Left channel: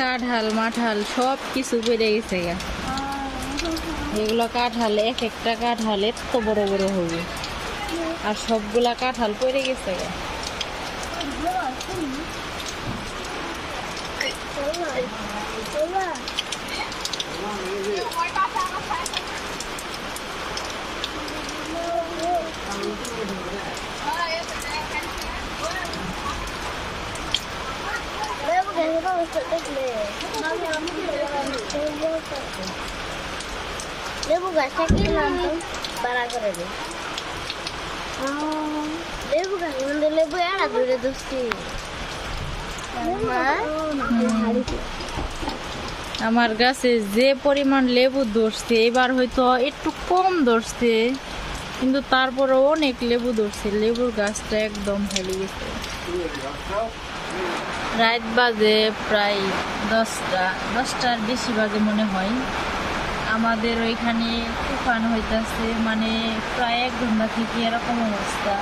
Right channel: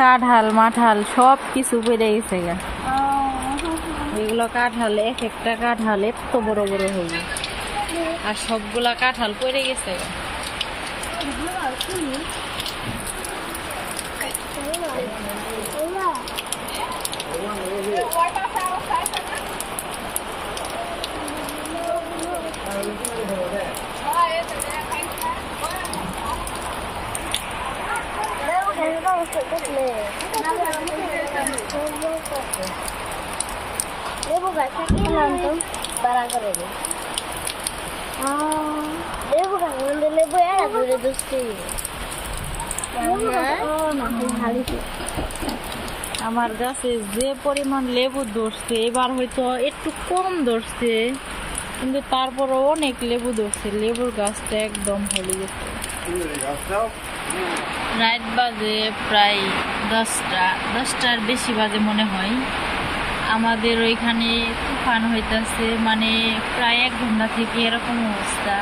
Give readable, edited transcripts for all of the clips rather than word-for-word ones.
কাঁঠাল মাঠাল সব কিছু পড়ে গেছে গা। এগুলো কাঁঠাল, এক একটা কাঁঠাল এত বড় বড় হয়ে, আর সবগুলা কাঁঠাল পড়ে গেছে গা। লেবু গাছটা কিনলাম তো তারা করে লেবু গাছ লেবু এরা দূরে দুষ্টি আমার গাছে যে পরিমাণ লেবু ধরছে, এবার হয়তো একটু কম ধরছে, কিন্তু তারপরে অনেক লেবু ধরছে। লেবুর গাছটা একদম হেলে গেছে। রাত বাজে প্রায় 10টার বেশি বাজে মনে হয়। আমাদের ওইখানে তুফান হইতাছে, মানে প্রায় 1 ঘন্টা থেকে এরকম অবস্থা।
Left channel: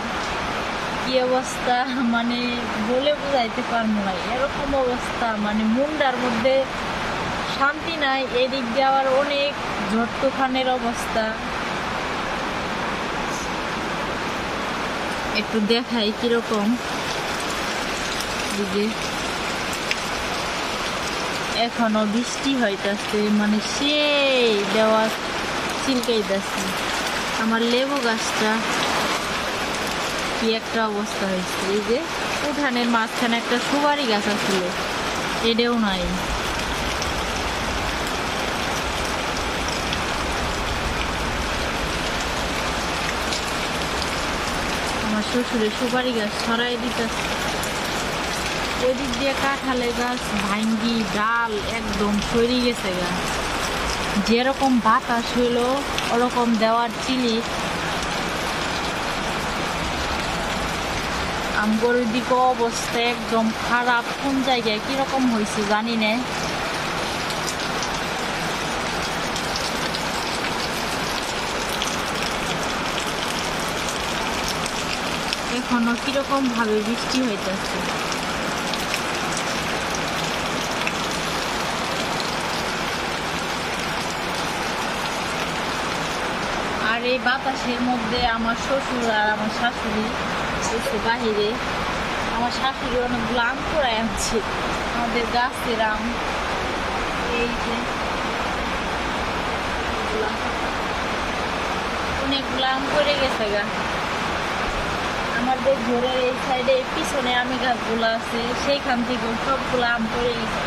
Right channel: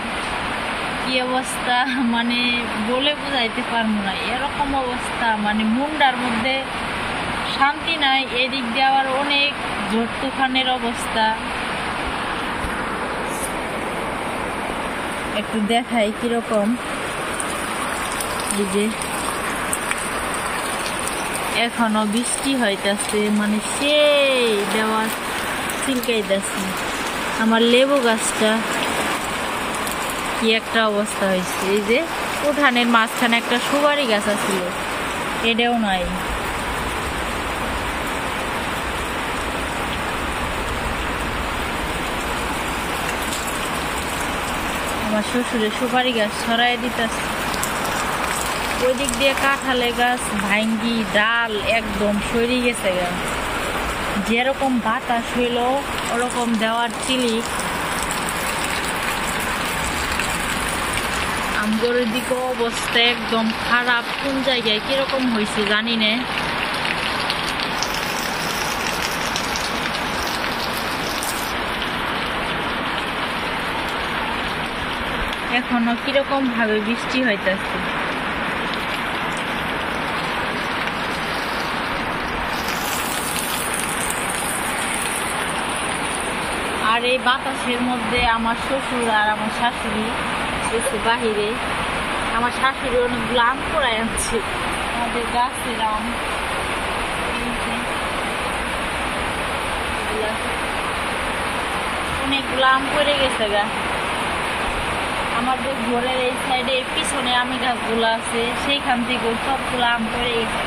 কি অবস্থা মানে বলে বুঝাইতে পারবো না, এরকম অবস্থা মানে মুন্ডার মধ্যে শান্তি নাই। এদিক দিয়ে আবার অনেক ঝড় তুফানের অবস্থা। একটু দেখাই কিরকম। এই যে এখনো বৃষ্টি হইতাছে, মানে সেই দেওয়া চিলকাইতেছে। আমার লেবু গাছটা কি একটা অবস্থা হয়েছে। এই যে উঠানের মাঝখানে একটা সুপারি গাছ ছিল, এটাও নাই। আমার শ্বশুরের সুপারি গাছ ছড়াই দিতেছে। ওই দিক দিয়ে কাঁঠালের গাছ ভাঙ্গি ডাল একদম সরে গেছে গা। যেরকম বাতাস হইল ওরকম দেওয়ার চিলি। আমগর দিকে অবস্থা একদম খারাপ। কোন জায়গায় কিরকম হয়েছে জানি না। এখনো কিরকম ভাবে বৃষ্টি হইতেছে। আর এই বাতাসের মধ্যে আমার শ্বশুর আর আমার শাশুড়ি একটু বাহিরে। আমার শাশুড়ি অনেকগুলো আম করাই আনছে, আমাদের গাছের আম। এই যে অনেকগুলো আম পড়ে গেছে গা। আমার ওই ঘরের এই সাইডে পিছনে আমের গাছগুলো আছে, সেইখান থেকে সবগুলো আম পড়ে গেছে।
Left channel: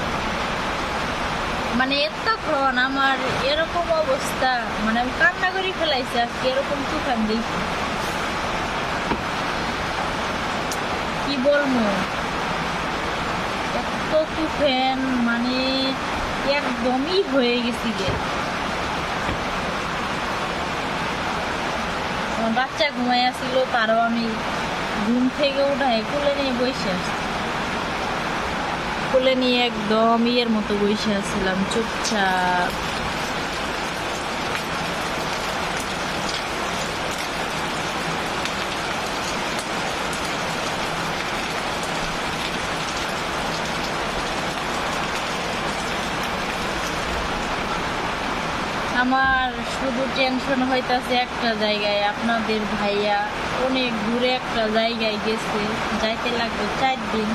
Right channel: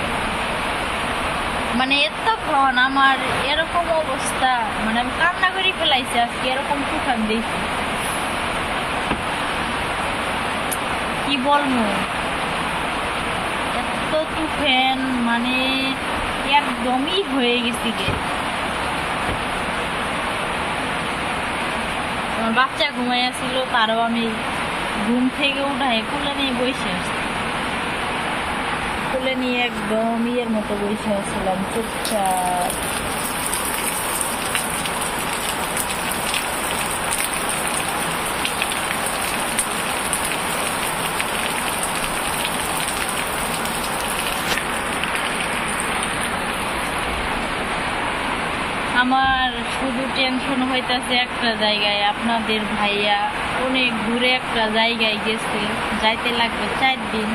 মানে এতক্ষণ আমার এরকম অবস্থা, মানে আমি কান্না করে ফেলাইছি আজকে। এরকম তুফান দেখি কি বলবো, এত তুফান মানে একদমই হয়ে গেছি গে। আমার বাচ্চা ঘুমাই আসছিল, তারও আমি ঘুম থেকে উঠায় কোলে নিয়ে বসে আসছি। কোলে নিয়ে একদম ইয়ের মতো বসে আসছিলাম চুপচাপ। আমার শুধু টেনশন হইতাছে একটা জায়গায়। আপনাদের ভাইয়া অনেক দূরে একটা জায়গায় গেছে, যাইতে লাগবে 4 দিন।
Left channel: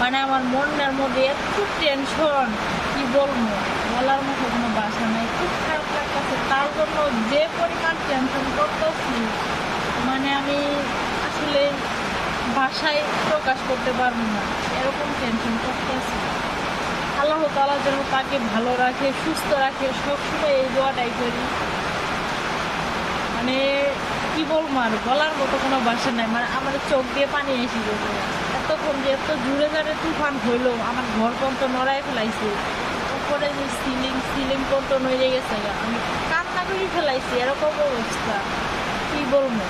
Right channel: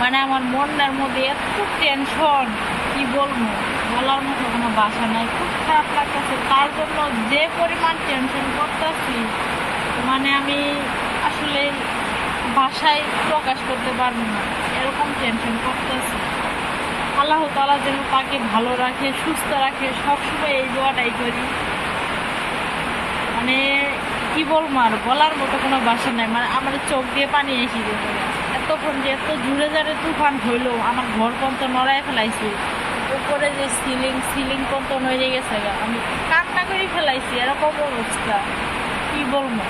মানে আমার মনটার মধ্যে এত টেনশন, কি বলবো, বলার মতো কোনো ভাষা নাই। খুব খারাপ লাগতেছে। তার জন্য যে পরিমাণ টেনশন করতেছি, মানে আমি আসলে ভাষায় প্রকাশ করতে পারবো না, এরকম টেনশন করতেছি। আল্লাহ তাআলা যেন তাকে ভালো রাখে, সুস্থ রাখে, সবসময় এই দোয়াটাই করি। মানে কি বলবো, আর বলার মতো কোনো ভাষা নাই। মানে আমার চোখ দিয়ে পানি এসে গেছে। এতক্ষণ যে এত জুড়ে জোরে তুফান হইলো, আমার ঘর পর্যন্ত নড়াই ফেলাইছে। উপরে যে সিলিং পর্যন্ত নড়ে গেছে, আমি কান্না করে ফেলাইছি। এরকম অবস্থা, কি বলবো।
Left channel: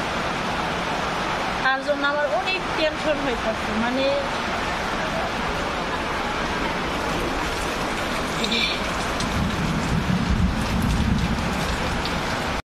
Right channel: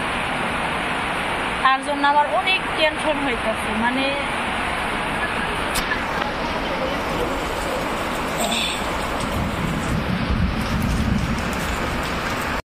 তার জন্য আমার অনেক টেনশন হইতেছে। মানে